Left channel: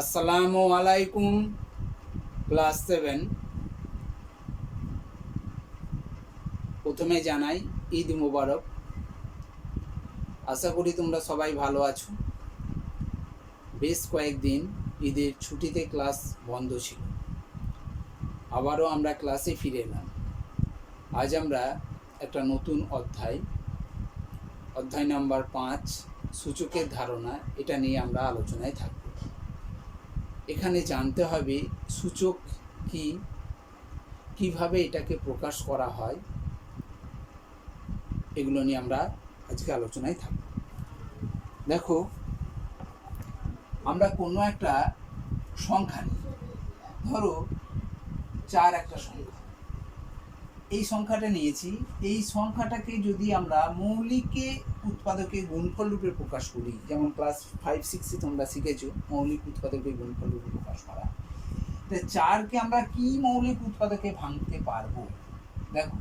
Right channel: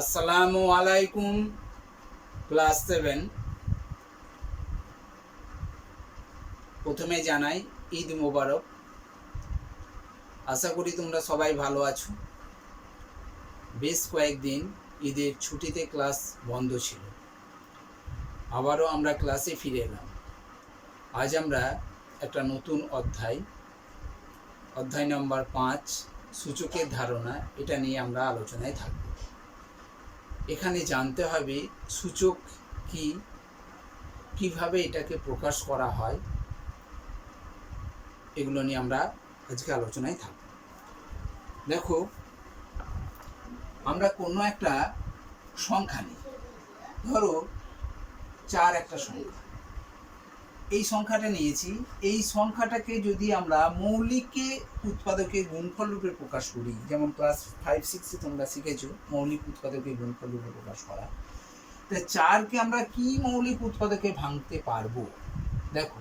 আসসালামু আলাইকুম। ক্লাস 7। প্রথমে জানাই ঈদ মোবারক। আশা করি তোমরা সবাই ভালো আছো। বেশ কয়েকদিন ঈদের ছুটিতে ক্লাস বন্ধ ছিল, আবারও আমরা ক্লাসে ফিরে এলাম। আজ আমরা একটা নতুন অধ্যায় নম্বর 5, সূচকের ধারণা, এটা নিয়ে আমরা আলোচনায় থাকব। এখানে জানতে হবে সূচক কি, কিভাবে এটাকে প্রকাশ করা হয়, এগুলো নিয়ে আমরা আজকে আলোচনায় থাকব। দেখো, আমরা কোনো একটা সংখ্যা নিই, ধরো 4 একটা সংখ্যা। এই সংখ্যাটা নিয়েছি। এই সংখ্যাটাকে যদি আমরা মৌলিকে উৎপাদকে গুণফল রূপে প্রকাশ করি, যেমন ক্লাস 5-6-এ তোমরা শিখেছো মৌলিক উৎপাদকে গুণফল রূপে প্রকাশ করা, তো 4কে আমরা কি মৌলিক উৎপাদকে ভাঙতে পারবো? দেখো,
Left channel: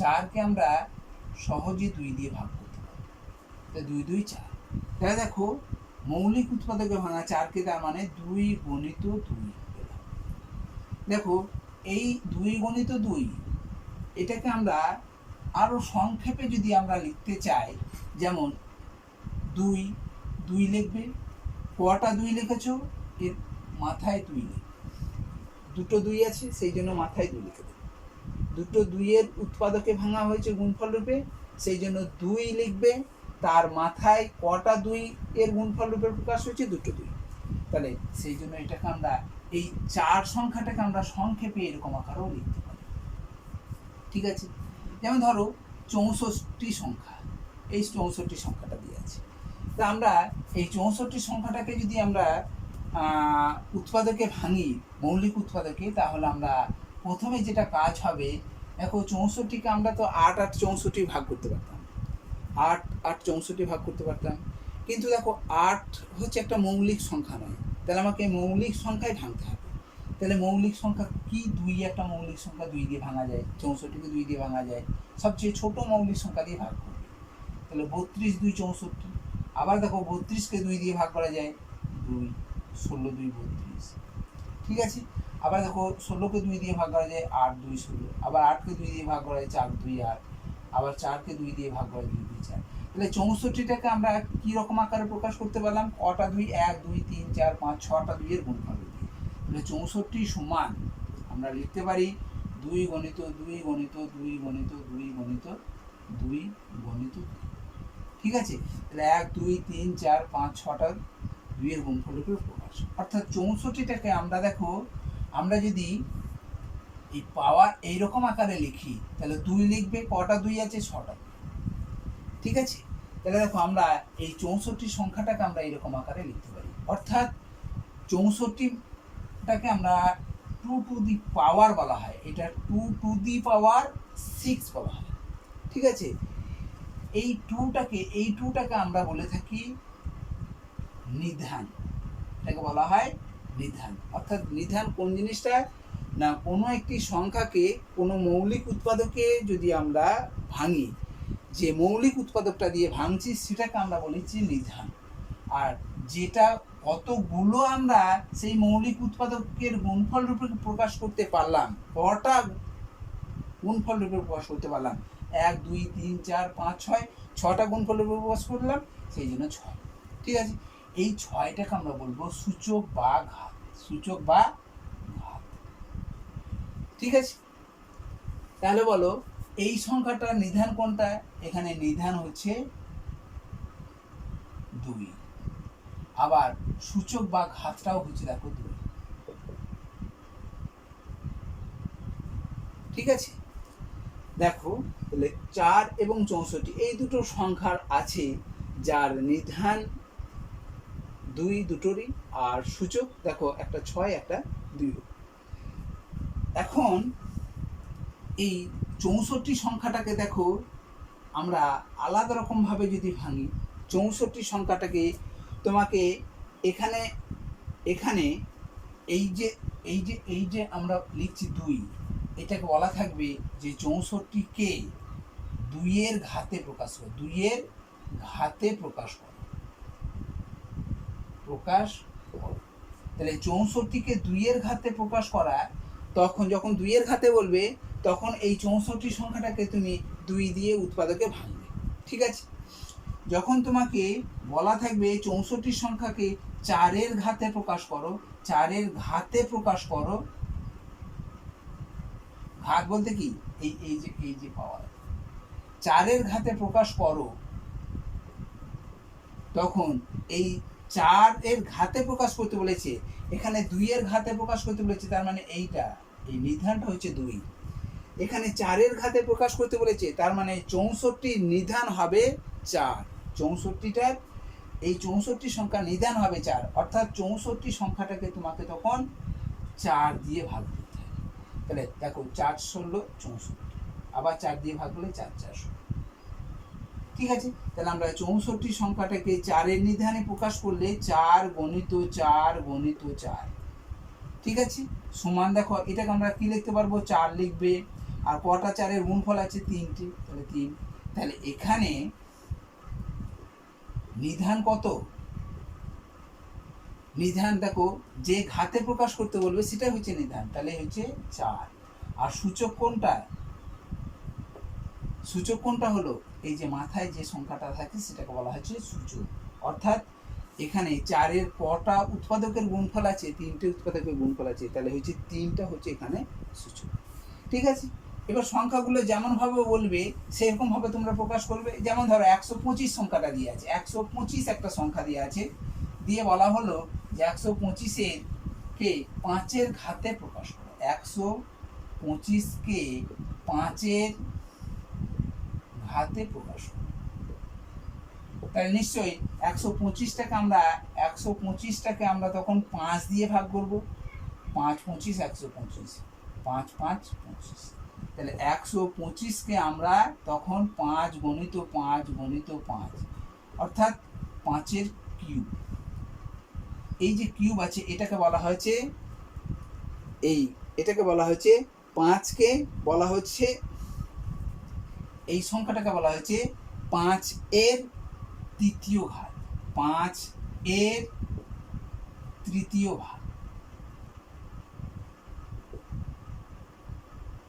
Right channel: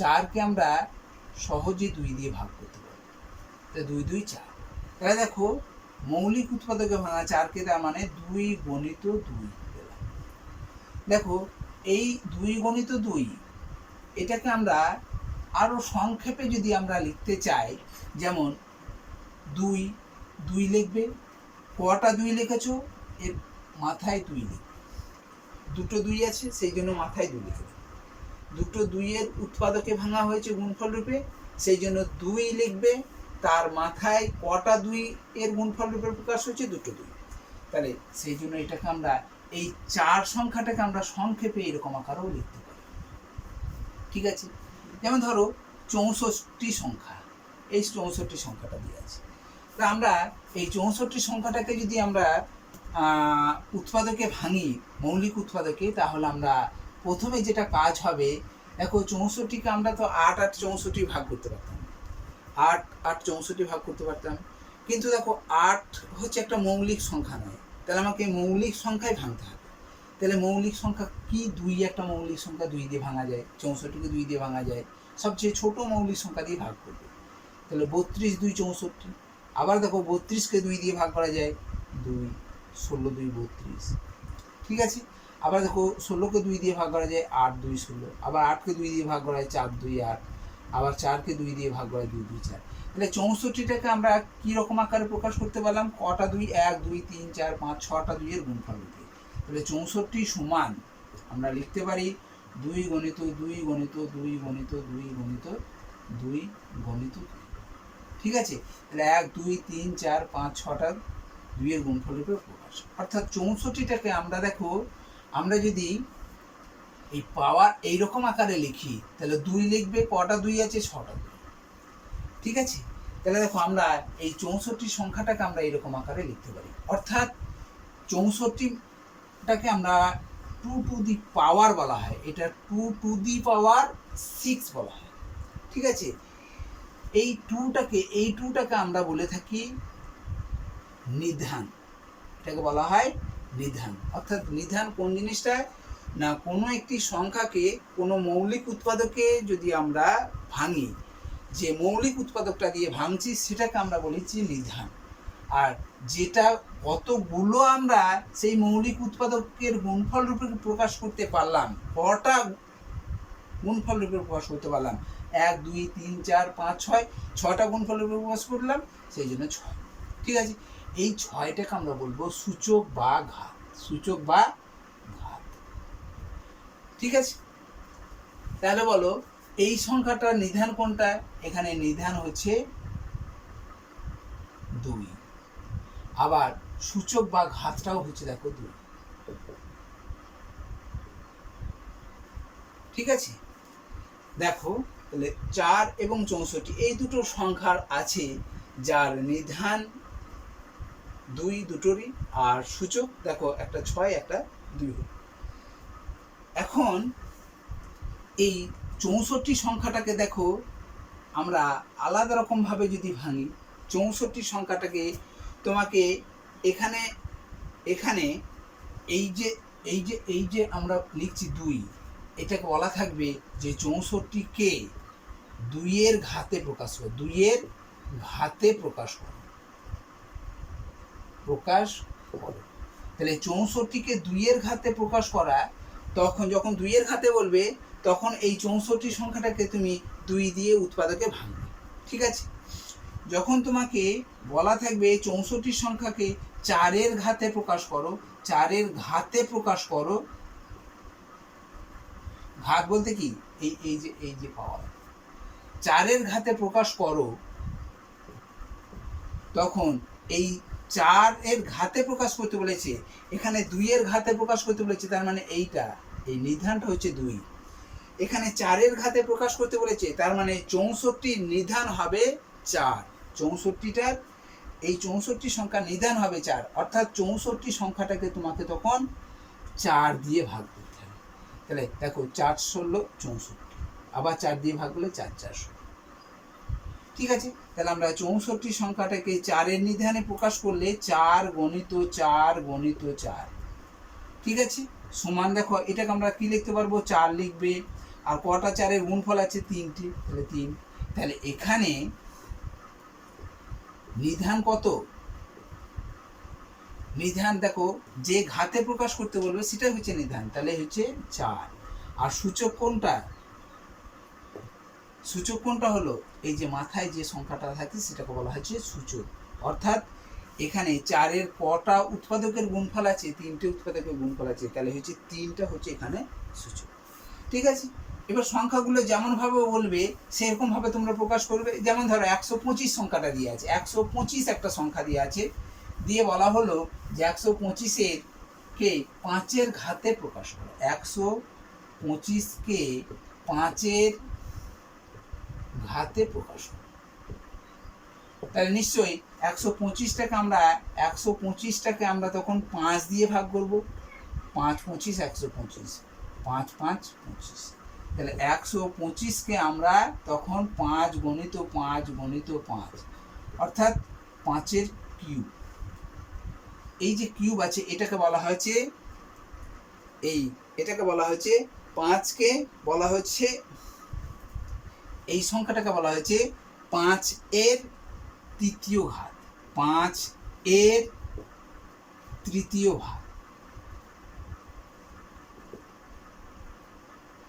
4কে আমরা সহজে 2 দিয়ে ভাগ করতে পারবো। তো 2 2 4। তাহলে দেখো, মৌলিক উৎপাদকে ভাঙা 4কে, তার মানে 2 গণিত 2। দেখো, এই 2 গণিত 2, এটাকে আমরা আরো সংক্ষেপে যদি আমরা লিখতে চাই, যেমন 2 2 লিখবে। কটা 2 লিখেছো, এর মাথায় 2 লিখবে। দুটো 2 আছে, সেই জন্য মাথায় 2 লিখে দেবে। দুটো 2 এর উৎপাদকে ভাঙা হয়েছে গুণফল রূপে, সেই জন্য 2 লিখবে। তার মাথায় কটা 2 এর গুণফল রূপে প্রকাশ হয়েছে, দুটো 2। তাহলে সেই জন্য এটাকে আমরা, এই 4 সংখ্যাটাকে আমরা সংক্ষেপে এরকম আকারেও লিখতে পারি। ঠিক আছে? যেমন ধরো 64 সংখ্যা, এই 64 সংখ্যাটা দিয়ে আছে। তা আমরা এই 64 সংখ্যাটাকে যদি আমরা উৎপাদকে ভাঙি, মৌলিক উৎপাদকে, তাহলে আমরা প্রথমে যেটা কাজ হবে, দেখো 64কে আমরা তো 8 8 64 ভাগ করতে পারতাম, 8 8 64 ভাগ করতে পারতাম। কিন্তু দেখো, 8 হচ্ছে একটা মৌলিক সংখ্যা নয়, তাহলে আমাকে মৌলিক সংখ্যায় ভাঙতে হবে। তাহলে মৌলিক সংখ্যা কি? 2 একটা মৌলিক সংখ্যা, 2 দিয়ে ভাঙা যায়। 64কে 2 দিয়ে ভাঙা যায়, সবচেয়ে ছোট মৌলিক সংখ্যা দিয়ে ভাগ করবে। তাহলে 32 2 64। আবার দেখো, 32কে 2 দিয়ে ভাগ করা যায়, 2 16 2 32। ঠিক আছে? আবার দেখো, 16কে 2 দিয়ে ভাগ করা যায়, 8 2 16। আবার 8কে 2 দিয়ে ভাগ করা যায়, 4 2 8। আবার 4কে 2 দিয়ে ভাগ করা যায়, 2 2 4। তাহলে 64টাকে আমরা কি রকম আকারে প্রকাশ করতে পারলাম? কটা 2? 1 2 3 4 5 6টা 2 এর গুণফল দিয়ে। তাহলে 64 সমান আমরা লিখতে পারি 2 গণিত 2 গণিত 2 গণিত 2 গণিত 2 গণিত 2। ঠিক আছে? তাহলে 1 2 3 4 5 6টা 2 এর গুণফল রূপে প্রকাশ। অর্থাৎ 64টাকে আমরা, দেখো, আমরা যদি এই পাওয়ার এইরকম আকারে লিখি, তাহলে 2 লিখবে। কটা 2 আছে? 6টা 2। ঠিক আছে? তাহলে দেখো, আমরা এই 64 সংখ্যাটাকে আমরা এইরকম আকারে লিখতে পারি। অর্থাৎ 64টাকে আমরা 2 টু দি পাওয়ার বলা হয়, এটা 2 টু দি পাওয়ার 6 বলা হয়। ঠিক আছে? এই 2টাকে আমরা বলে থাকি নিধান। এটাকে বলা হয় নিধান। অর্থাৎ নিধান কোন জিনিসটা? না, কোনো একটি সংখ্যাকে কোনো মৌলিক উৎপাদকে যদি আমরা ভাঙি, যে মৌলিক উৎপাদকটা দিয়ে ভাঙছি, সেটাকে আমরা বলেছি নিধান। আর যেটা কতগুলো আমরা সেই মৌলিক উৎপাদকের গুণফল রূপে প্রকাশ করতে পারলাম, কটা গুণফল রূপে প্রকাশ করতে পারলাম, 1 2 3 4 5 6, 6টা গুণফল রূপে প্রকাশ করলাম, সেই জন্য 6। ঠিক আছে? এই 6টাকে আমরা বলবো সূচক বা ঘাত। সূচক বা ঘাত। ঠিক আছে? তাহলে বলো, এই সংখ্যাটার নিধান কোনটা? এখানে নিধান হচ্ছে 2। আবার সূচক বা ঘাতটাও হচ্ছে, দেখো, 2। ঠিক আছে? দেখো, তাহলে 4 এবং 64 এই দুটো সংখ্যার আছে, যার নিধান 2 দুটোরই, আর সূচক দেখো একটা 6 একটা 2। এখন এই 64 সংখ্যাটাকে দেখো, আমরা আলাদা রকমভাবে যদি ভাঙি, 64 সংখ্যাটাকে তোমাকে এখানে এখানে এই যে আমরা লিখছি 2, এটাকে বলা থাকবে যে 64কে 2 এর ঘাতে প্রকাশ করো। 2 এর ঘাতে প্রকাশ করো। তাহলে 64কে 2-এর ঘাতে প্রকাশ করা, তখন যখন 2-এর ঘাতে বলবে তখন এই 64 সংখ্যাটাকে তুমি 2 দিয়ে উৎপাদকে ভাঙবে। ঠিক আছে, যখন তোমাকে বলা থাকবে 64 সংখ্যাকে 4-এর ঘাতে প্রকাশ করো, 4-এর ঘাতে প্রকাশ করো, ঘাত বলতে কি এই যে পাওয়ার, 4-এর ঘাতে প্রকাশ করো, তখন এই 4-এর ঘাতে প্রকাশ করতে বলেছে, এখানে 2-এর ঘাতে প্রকাশ করতে বলেছে, তার মানে এইটা এই নিধানটা হচ্ছে 2। এখানে 4-এর ঘাতে প্রকাশ করতে বলেছে, তার মানে 64 নিধান হবে 4। 64টার এই 64 সংখ্যা নিধান হবে 4, অর্থাৎ 64 সংখ্যাটাকে তোমাকে তখন 4 দিয়ে ভাগ করতে হবে। তাহলে দেখো 4 ষোলো 64, আবার 4 দিয়ে ভাগ করলে 4 4 16। ঠিক আছে, তাহলে আমরা 64 সংখ্যাটাকে 4-এর নিধানে প্রকাশ করলে 4 গণিত 4 গণিত 4। ঠিক আছে, সমান দেখো এটাকে আমরা কি লিখতে পারবো, 4 লিখবে, আর কটা 4-এর গুণফল আছে 3টে, তাহলে 3। তাহলে এখানে নিধান কত, নিধান দেখো যে ঘাতে প্রকাশ করতে বলবে সেটাই হচ্ছে নিধান, তাহলে হচ্ছে 4। আর সূচক কোনটা, সূচক কোনটা হলো এই যে মাথায় যে সংখ্যাটা থাকে সেটাকে বলা হচ্ছে সূচক। অর্থাৎ এখানে 4-এর কটা উৎপাদকের গুণফল আছে, 3টে উৎপাদকের গুণফল আছে, তাহলে হচ্ছে 3টা হচ্ছে এখানে সূচক। ঠিক আছে, এবার সংখ্যাগুলো যেমনভাবে বলবে সেরকমভাবে তোমরা প্রকাশ করবে। যেমন ধরো 125 সংখ্যাটা দিয়ে আছে, 125 একটা সংখ্যা দিয়ে আছে, দিয়ে বলা হলো যে 125-এর কে 5-এর ঘাতে প্রকাশ করো, 125-কে 5-এর ঘাতে প্রকাশ করো। তাহলে নিশ্চয়ই 125টাকে আমরা তখন 5 দিয়ে ভাগ করব, 5 25 125, 5 5 25। তাহলে 125-কে আমরা তখন 5 গণিত 5 গণিত 5, অর্থাৎ 5-এর কিউব। এই যে কিউব আছে এটাকে বলা হয়েছে, এটাকে বলা হচ্ছে 5-কে বলা হচ্ছে, এই সংখ্যাটাকে বলা হয়েছে 5-এর তৃতীয় ঘাত, 5-এর তৃতীয় ভাগ,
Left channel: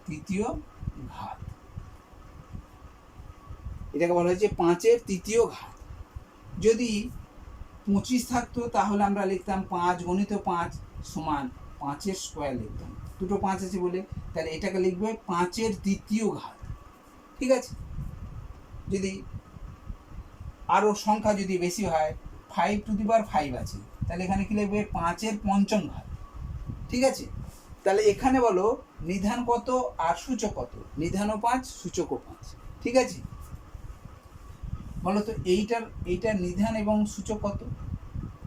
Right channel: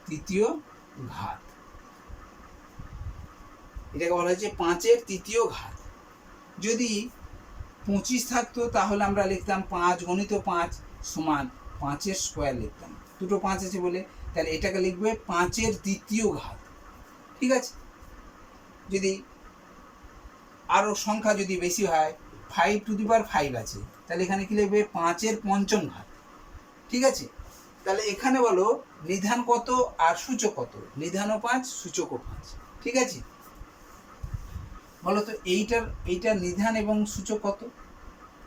তৃতীয় ঘাত, এটাকে বলা হয়েছে 5-এর তৃতীয় ঘাত। যদি 25 থাকতো তাহলে আমরা লিখতাম 5 গণিত 5 সমান 5-এর স্কোয়ার লিখতাম, দুটো 5 আছে বলে, তাহলে এটাকে লিখবে 5-এর দ্বিতীয় ঘাত। ঠিক আছে, যদি আরও সংখ্যা যদি বেশি হয়, 5 টু দি পাওয়ার 5 আছে, তাহলে এখানে কি লিখবে 5-এর পঞ্চম ঘাত। ঠিক আছে, তাহলে এখানে বলো নিধান কত আর সূচক কত, নিধানও 5 সূচকও 5। ঠিক আছে, বলো তো এইটার নিধান এবং সূচক কত,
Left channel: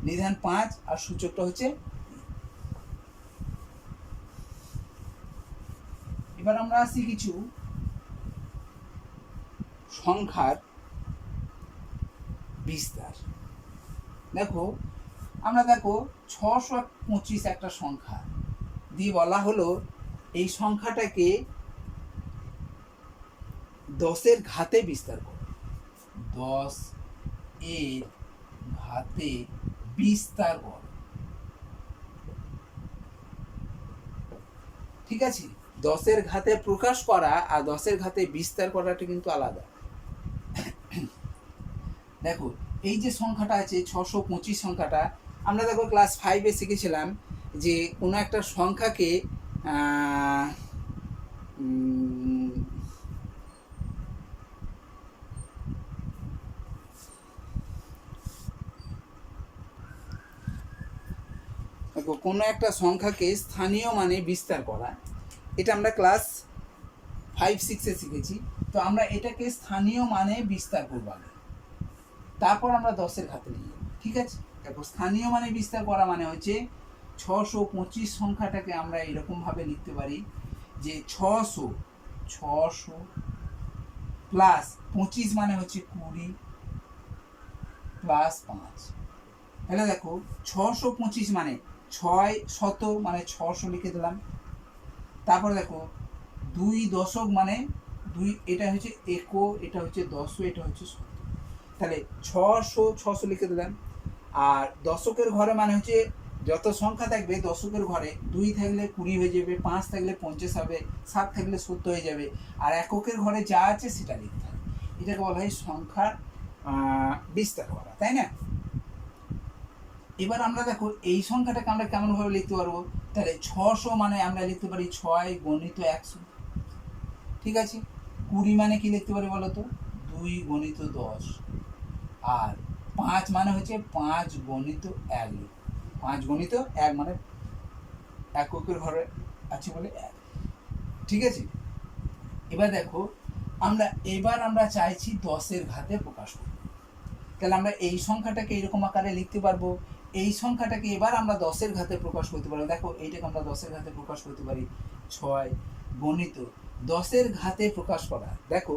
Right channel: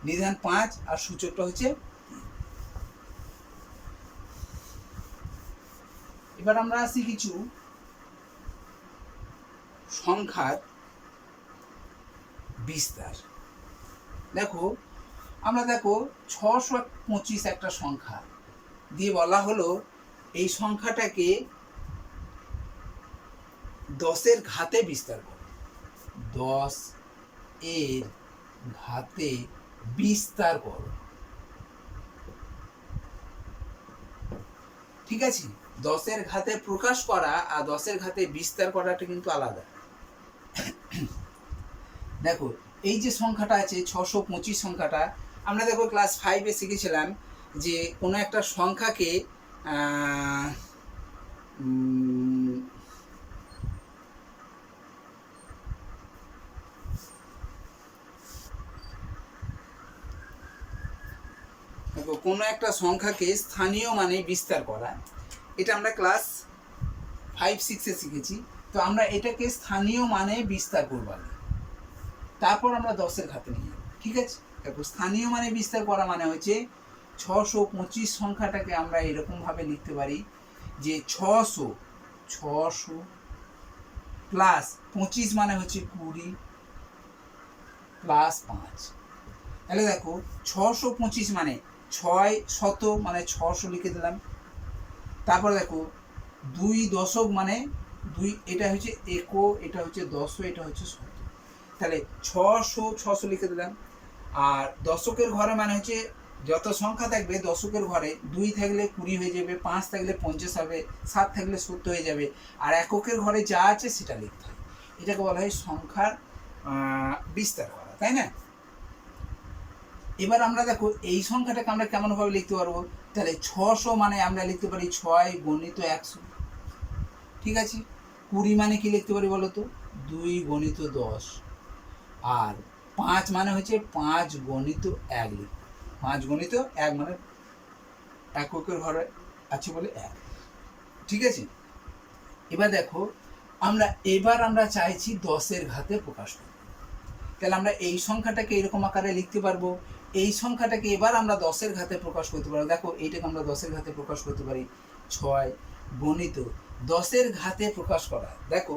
নিধান 5 আর সূচকটা হচ্ছে 3। এবার আমরা আসি কিছু সংখ্যার বিস্তার। দেখো আমরা দেখো 625 একটা সংখ্যা দিয়ে বলা হলো এই সংখ্যাটাকে 10-এর ঘাতে বিস্তার করো, 10-এর ঘাতে বিস্তার করো। ঠিক আছে, 10-এর ঘাতে প্রকাশ করা আর 10-এর ঘাতে বিস্তার করাটা কিন্তু আলাদা। দেখো এই যে সংখ্যাটা আছে 625 সংখ্যাটা, আমরা দেখো ক্লাস 5-এ শিখেছিলাম যে কোনো একটা সংখ্যাকে কোনো একটা সংখ্যাকে স্থানীয় মানে বিস্তার করা, এটা আমরা ক্লাস 5-6-এ শিখেছি। তো আমরা এটাকে স্থানীয় মানে বিস্তার করব আগে, তারপর আমরা 10-এর ঘাতে নিয়ে যাব। ঠিক আছে, দেখো স্থানীয় মানে বিস্তার করা মানে হচ্ছে 625 সংখ্যাটাকে আমরা এরকমভাবে লিখতে পারি যে 600 প্লাস 25 মানে হচ্ছে 20 প্লাস 5। তাহলে দেখো 625 মানে 600 মানে 600 লিখে দিলাম। তারপর দেখো 2 দশক মানে 2, এটা হচ্ছে একো, এটা হচ্ছে 10, এটা হচ্ছে 100। তাহলে 600 লিখে দিলাম। আর দশকের ঘরে মানে হচ্ছে যত সংখ্যা থাকবে দশকের ঘরে 2 থাকলে 20 হয়ে যাবে, 5 থাকলে 50 হবে, 7 থাকলে 70 হয়ে যাবে, আর এককের ঘরে যা আছে সেটা লিখতে হয়। এটাকে বলা হয় সংখ্যার বিস্তার করা, তাই না? এবার আমরা দেখো এই সংখ্যাটাকে আমরা কেমনভাবে লিখতে পারবো, তাহলে 600 মানে আমরা লিখতে পারি 6 গণিত 100, ঠিক আছে? 20 মানে কি লিখতে পারি বলো তো, 2 গণিত 10, আর 5 মানে হচ্ছে 5 গণিত 1 লিখ, 5 গণিত 1 মানে এককের ঘরে আছে বলে 1, ঠিক আছে? এবার দেখো আমরা চাইছি 10-এর ঘাতে প্রকাশ করব, তাহলে আমরা এই সংখ্যাটাকে এরকম আকারে লিখতে পারবো। এই সংখ্যাটাকে এবার আমরা 10-এর ঘাতে প্রকাশ করতে পারবো। দেখো এইটাকে আমরা 10-এর ঘাতে প্রকাশ করতে পারি, 6 গণিত 10-এর ঘাতে প্রকাশ করা। দেখো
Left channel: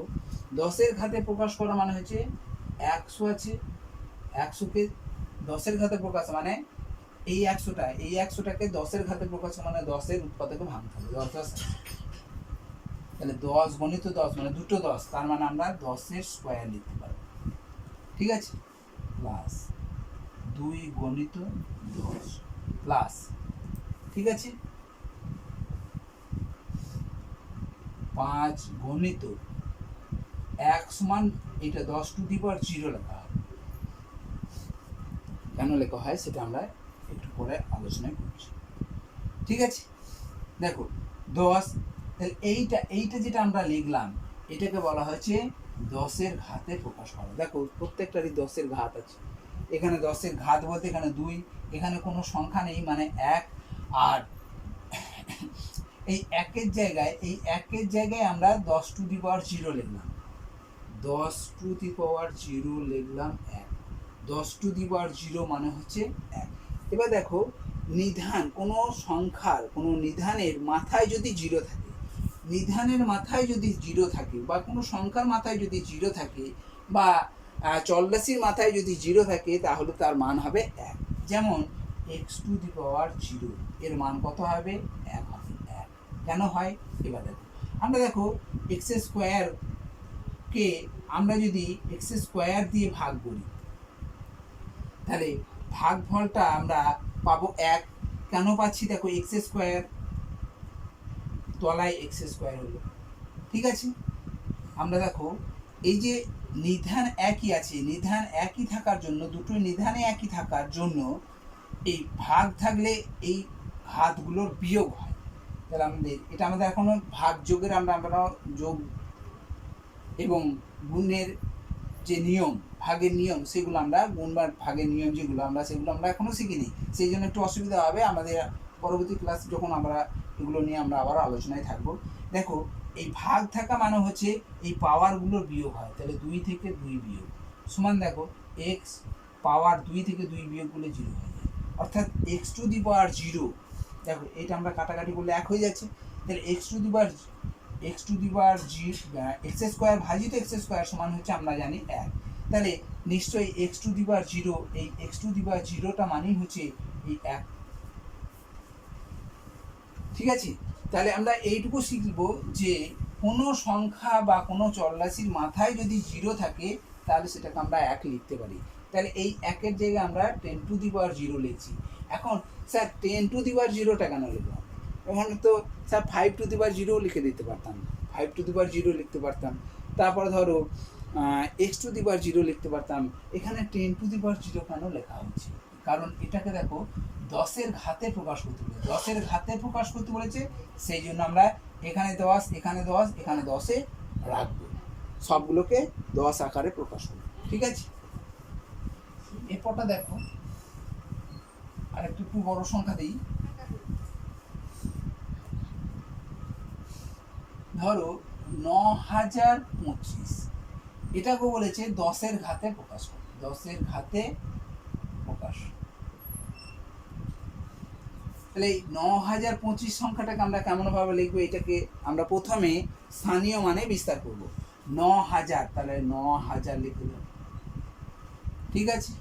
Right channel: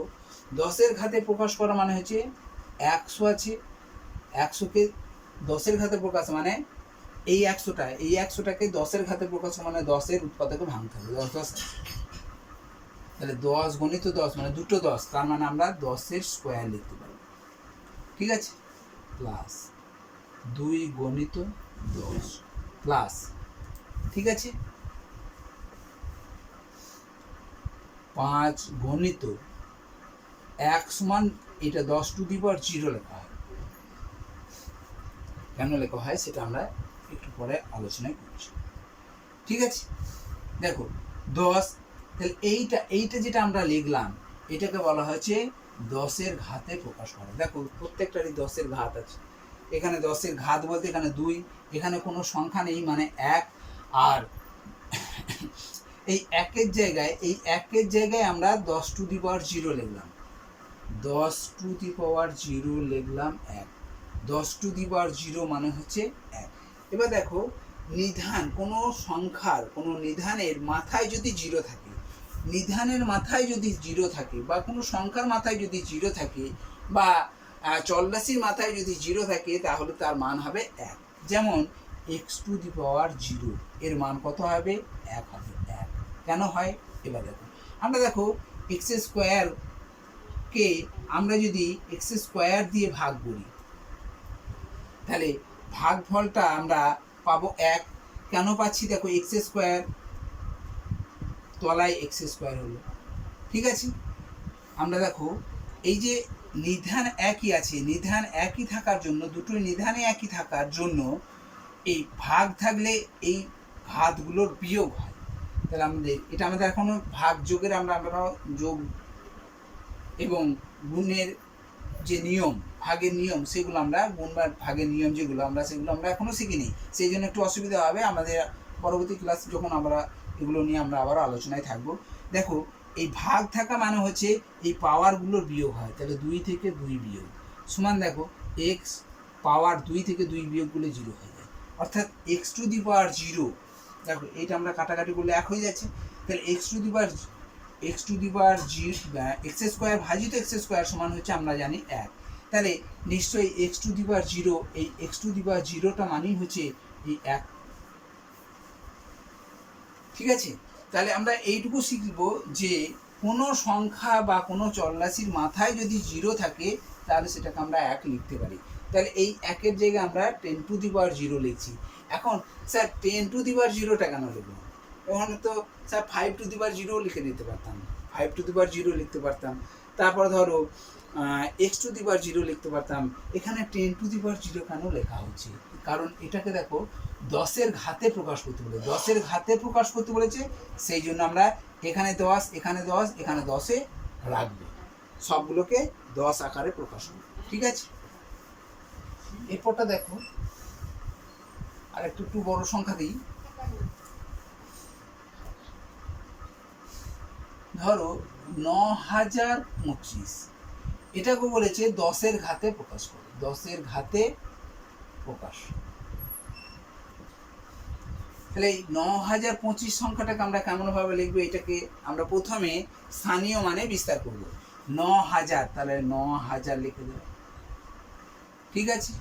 10-এর ঘাতে প্রকাশ করা মানে হচ্ছে 100 আছে, 100কে 10-এর ঘাতে প্রকাশ মানে এই 100টাকে 10-এর ঘাতে প্রকাশ মানে 10-এর উৎপাদকে ভাঙতে হবে, 10 10, তাহলে 10 গণিত 10 মানে দুটো 10, তার মানে আমরা 10-এর স্কোয়ার লিখতে পারবো, ঠিক আছে? প্লাস 2 গণিত 10 প্লাস, ঠিক আছে, 5 গণিত 1 সমান এটা 10 টু দি পাওয়ার 0 লেখা হয়। কেন লেখা হয় সেটা আমরা একটু পরে আলোচনা করছি, ঠিক আছে? দেখো 10, তাহলে এইটা যেটা আমরা লিখলাম এটাকে বলা হয়েছে 10-এর ঘাতে প্রকাশ করা। দেখো প্রত্যেকটারই 10-এর ঘাত আছে, এখানে 10-এর ঘাত বলতে এখানে 2, এখানে কোনো সংখ্যা নেই মানে 1, আর এই একের জায়গায় আমরা 10 টু দি পাওয়ার 0 লিখলাম, 10 টু দি পাওয়ার 0 লিখলাম 1, 10 টু দি পাওয়ার 0 মানে হচ্ছে 1। এবার দেখো নিধান কোনো সংখ্যার কোনো নিধানের মাথায় যদি 0 থাকে, নিধানের মাথায় যদি 0 থাকে বা কোনো সংখ্যার মাথায় যদি 0 থাকে বা চল্লাশির মাথায় যদি 0 থাকে তাহলে তার মান হবে 1। যেমন x টু দি পাওয়ার 0 এর মান কত হবে, 1 হবে, 1 কেন হয়? এবার দেখো x স্কোয়ারকে আমরা যদি x স্কোয়ার দিয়ে ভাগ করি তাহলে ভাগফলটা আমরা পাবো 1, কেন পাচ্ছি? দেখো x স্কোয়ার তলায় x স্কোয়ার হলো, ঠিক আছে? আমরা দেখো এই যে নিধান একই আছে, নিধান একই থাকার জন্য, দুটো নিধানে একই থাকার জন্য এই ভাগ থাকলে এই ঘাতগুলোর বিয়োগ হয়। তাহলে আমাদের এখনো ভাগ যোগের আমরা যোগ এবং গুণের যে নিয়ম, ভাগের নিয়ম, সেগুলো আমরা গুণ বা ভাগের নিয়ম যেগুলো সেগুলো আমরা এখনো শিখিনি, সেই জন্য একটু অসুবিধা হবে আমাদের। পরবর্তী ক্লাস যখন আমরা এগুলো নিয়ে আমরা আবার আলোচনায় থাকবো। দেখো এই ভাগ থাকা মানে হচ্ছে এই পাওয়ারগুলোর বিয়োগ হয়, তাহলে 2 থেকে 2 বিয়োগ সমান দেখো x পাওয়ার 2 থেকে 2 বিয়োগ করলে 0 হয়ে যায়, অর্থাৎ x টু দি পাওয়ার 0। দেখো এটা আমরা কাটাকাটি করলে 1 হয়ে যাচ্ছে, তাহলে x to the power x square ভাজিত x স্কোয়ার সমান হচ্ছে আমরা জানি 1, তাহলে নিশ্চয়ই x টু দি পাওয়ার 0, এই x টু দি পাওয়ার 0টা মানেই হচ্ছে এই 1, ঠিক আছে? তাহলে আমরা এইটুকু শিখব যে কোনো সংখ্যা বা কোনো চলরাশির মাথায় যদি 0 থাকে তাহলে সেটাকে আমরা 1 লিখতে পারি। তাহলে এই 1-এর জায়গায় আমরা 10 টু দি পাওয়ার 0 লিখছি। এখন স্যার 10 টু দি পাওয়ার 0টা কেন লিখব? ওখানে তো স্যার 5 টু দি পাওয়ার 0 লিখে দিতে পারতাম, 5 টু দি পাওয়ার 0 লিখতে পারতাম, তারপর ধরো x টু দি পাওয়ার 0 লিখতে পারতাম। এখানে 10 টু দি পাওয়ার 0 কেন লেখা হচ্ছে? কারণ এটাকে দেখো 10-এর ঘাতে প্রকাশ করতে বলে, 10-এর ঘাতে প্রকাশ করতে বলেছে, সেই জন্য আমরা এখানে 10, এখানে 10, এখানে 10-এ রাখবো, সবগুলোকে 10 আকারে প্রকাশ করব, ঠিক আছে? এরপরটা দেখো আর একটু বড় সংখ্যা দিই, ধরো 9025, এটাকে বলেছে 10-এর ঘাতে প্রকাশ করে, 10-এর ঘাতে প্রকাশ। তাহলে এই 9025 সংখ্যাটাকে আমরা কেমনভাবে লিখবো? এটাকে আমরা প্রথমে স্থানীয় মানে বিস্তার করব, 9000, তাহলে 9000 লিখে দেবো, ঠিক আছে?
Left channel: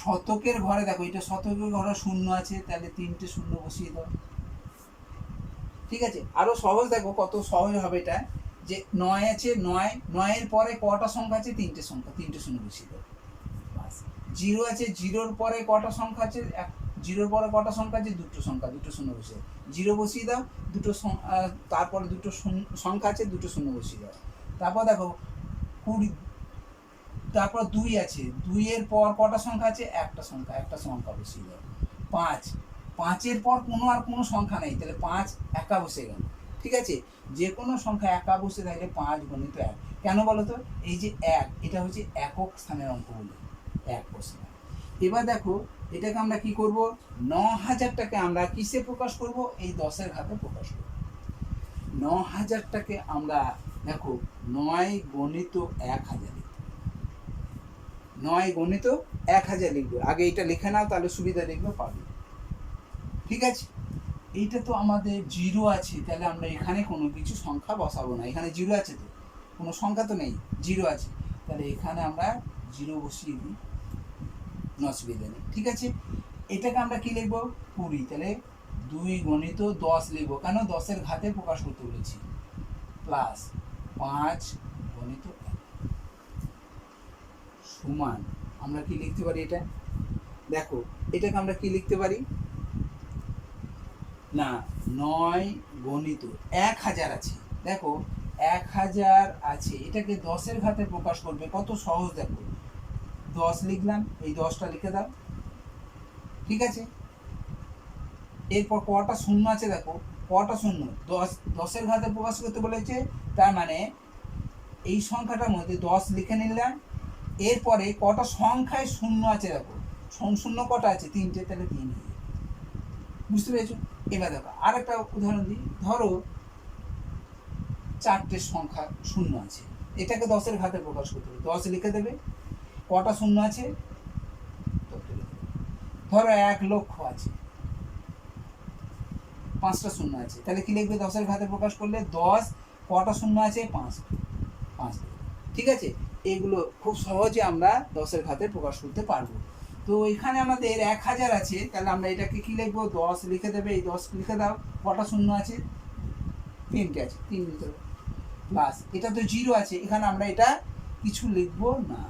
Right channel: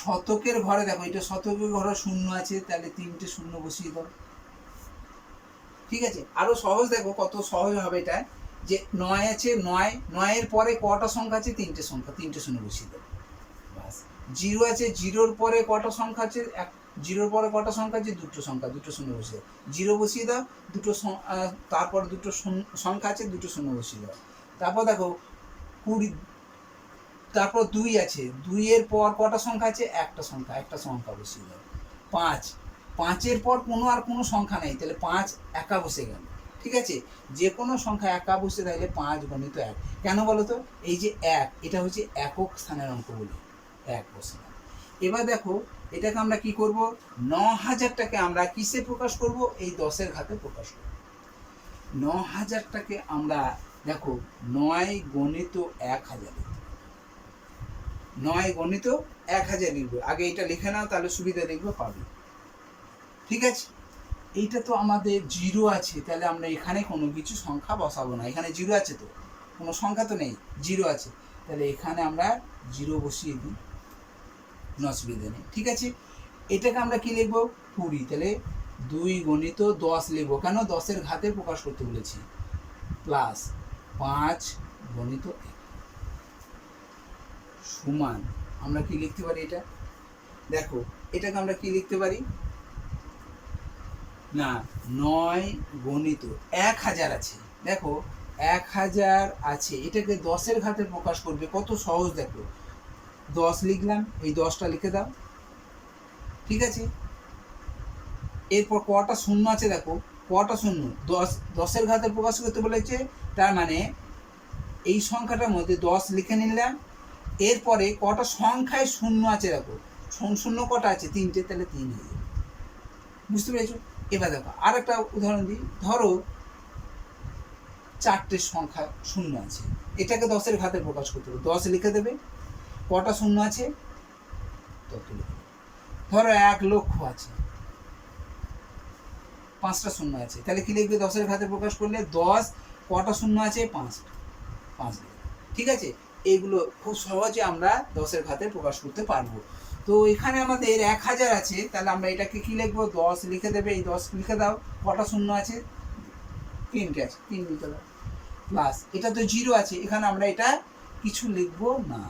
শতকের ঘরে দেখো এটা শতকের ঘরে 0 আছে, তাহলে 3টে 0 বসিয়ে দাও, ঠিক আছে? আরো সহজ, দেখো কত সহজ হবে এটা, যে 9 আছে, 9-এর পরে কটা সংখ্যা আছে? 3টে সংখ্যা, 3টে 0 বসিয়ে দাও, বাস। 0 আছে, 0-র পরে কটা সংখ্যা আছে? জিরোর পরে কটা সংখ্যা আছে? দুটো সংখ্যা, দুটো শূন্য বসিয়ে দাও, জিরো বসিয়ে দাও, তারপর দুটো সংখ্যা আছে, দুটো শূন্য বসিয়ে দাও। তারপর দেখো 20, তারপর 2 আছে, 2-এর পর কটা সংখ্যা আছে? একটা সংখ্যা বসিয়ে দাও। 5, 5-এর পর আর কোনো সংখ্যা নেই, তাহলে 5 একা বসে গেল। ঠিক আছে, যে কোনো সংখ্যা একা বসে থাকলে 5 গণিত 1। কেন বলো তো? এই যে 1, এটা হচ্ছে একক স্থানের অঙ্ক বলে 1 বসে। এবার দেখো এটাকে আমরা কি করব? 9000টাকে আমরা কিসে প্রকাশ করব? এই 10-এর ঘাতে প্রকাশ করব। 9000টাকে আমরা দেখো 9 গণিত 1000, 9 গণিত 1000 লিখবো। আগে এটা লিখে নাও, তাহলে সুবিধা দেখবে পাবে। ঠিক আছে, এইটা তো আমাদের জিরো আছে, তাহলে আমরা এখানে কোনো কিছু সংখ্যা বসাবো না। এখানে জিরো আছে, তো কোনো সংখ্যা তো নেই, জিরো আছে, তাহলে এখানে আমরা জিরো বসিয়ে দিই, অসুবিধা নেই। ঠিক আছে, এটাকে আমরা কি লিখবো? 20, তাহলে 2 গণিত 10 লিখবো। কেন? 10-এর ঘাতে প্রকাশ করতে বলেছি। প্লাস 5 গণিত 1 সমান আমরা কি লিখতে পারি? এটা দেখো, এটাকে আমরা কি লিখতে পারি না, 9 গণিত 1000 আছে। দেখো 1000 আছে, এটাকে 10-এর ঘাতে প্রকাশ করবে, কত সহজ। দেখো 10 লিখলাম, এই 10টা লিখে দাও। ঠিক আছে, এরপর কটা শূন্য আছে? দেখো কটা শূন্য, 10-এর ঘাতে প্রকাশ করতে বলেছে, তার মানে এই সংখ্যাটার মধ্যে 10 লিখে নিলাম। এরপরে কটা সংখ্যায় শূন্য আছে? দেখো শূন্য কটা আছে? 3টে, তাহলে 3 হয়ে যাবে। বুঝতে পেরেছো? এবার দেখো আর একটা উদাহরণ দিই। ধরো 4টে সংখ্যা শূন্য আছে, এটাকে 10-এর ঘাতে প্রকাশ করতে হবে, 10 লিখে দেবে। কটা শূন্য আছে? তত লিখে দেবে। ধরো 1 লক্ষ আছে, 5টা শূন্য আছে, তাহলে কি লিখবে? 10-এর ঘাতে প্রকাশ করলে 10 কটা শূন্য আছে? 5টা, 5 লিখবে। ঠিক আছে, এগুলো খুব সহজে আমরা 10-এর ঘাতে প্রকাশ করতে পারবো। তো এখানে আমাদের 1000 আছে, তাহলে আমরা এটাকে কি লিখবো? 10 লিখে দেবে, এই 10 লিখে দাও। কটা শূন্য আছে? 3টে আছে, 3 লিখে দাও। প্লাস এটা তো জিরো আছে, এখানে আমরা এটা কিছু লিখবো না।